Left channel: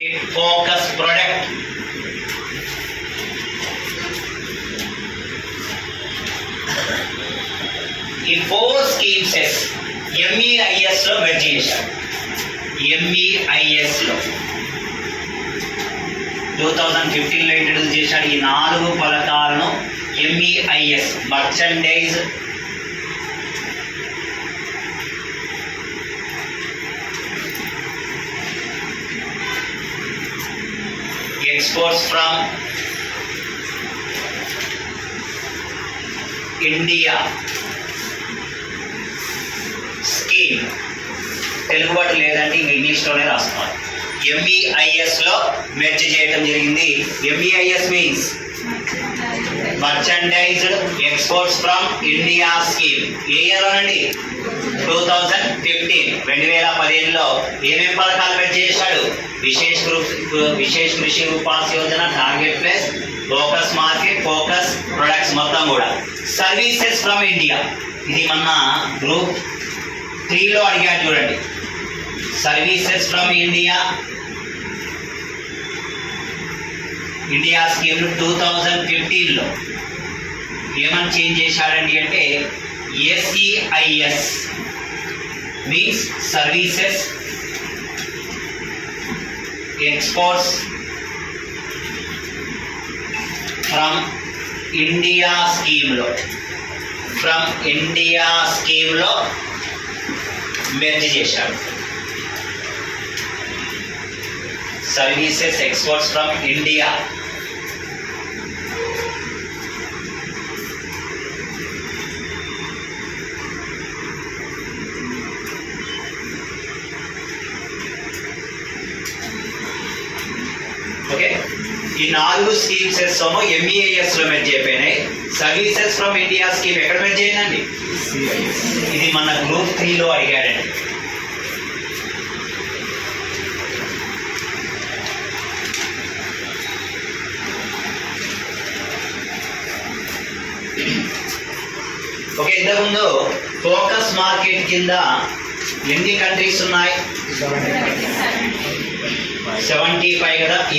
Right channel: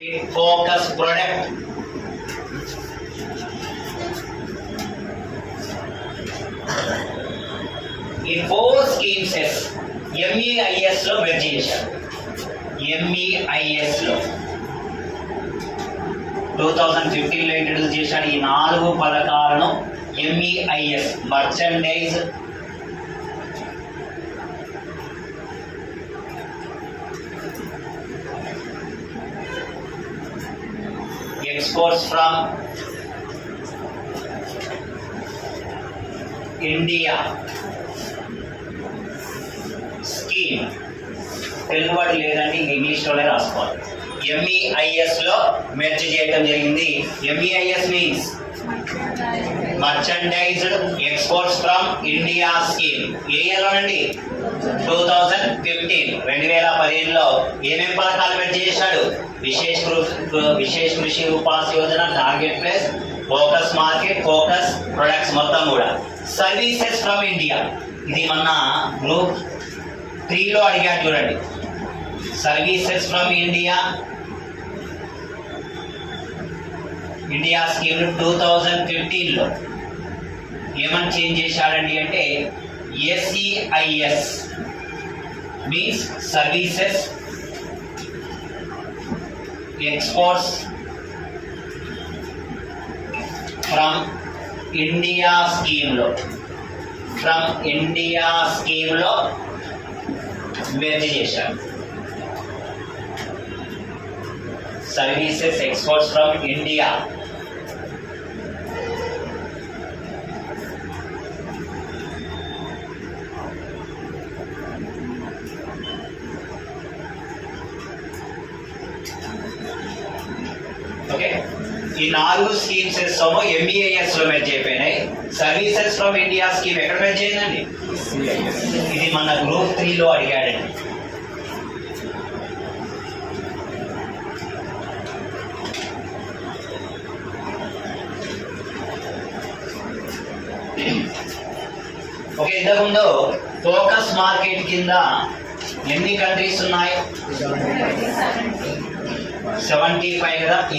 focus product. ఈ 4 schemes MEIS లో మెర్జ్ చేశారు. MEIS లో 2015 లో ఇంట్రడ్యూస్ చేశాడు. ఈ 4 పథకాలను MEIS merchandise exports from India scheme. Telugu వాటి లేదంటే ఇంకా ఇంగ్లీష్లోనే రాసుకోవాలి. MEIS లో మెర్జ్ చేయడం జరిగింది. MEIS means merchandised exports from India scheme. ఏ ఇయర్ లోనండి? 2015లో ఏమేమి పథకాలు మెర్జ్ చేశాడు? Vishesh Krishi Upaj Yojana, target place, focus market, focus products మొత్తం కూడా. సర్వీసెస్ ఫ్రమ్ ఇండియా, ఇది మన గ్రూప్ 3లో అడిగాడు చూడండి. సర్వీసెస్ ఫ్రమ్ ఇండియా స్కీమ్ 2015లో ఏమని చేంజ్ చేశాడండి అంటే SEIS means services exports from India స్కీమ్లో మెర్జ్ చేశాడు. Services exports from India. Okay, ఈ 4 స్కీమ్స్ ఏమో MEIS లో మెర్జ్ అయిపోయినాయి. సర్వీసెస్ ఫ్రమ్ ఇండియా స్కీమ్ ఎక్కడ మెర్జ్ అయిందండి? ఇది మన గ్రూప్ 3లో అడిగాడండి. ఓకే, ఇంతకుముందు ఫోకస్ మార్కెట్ కింద ఎన్ని కంట్రీస్ ఉన్నాయి? 75 కదా.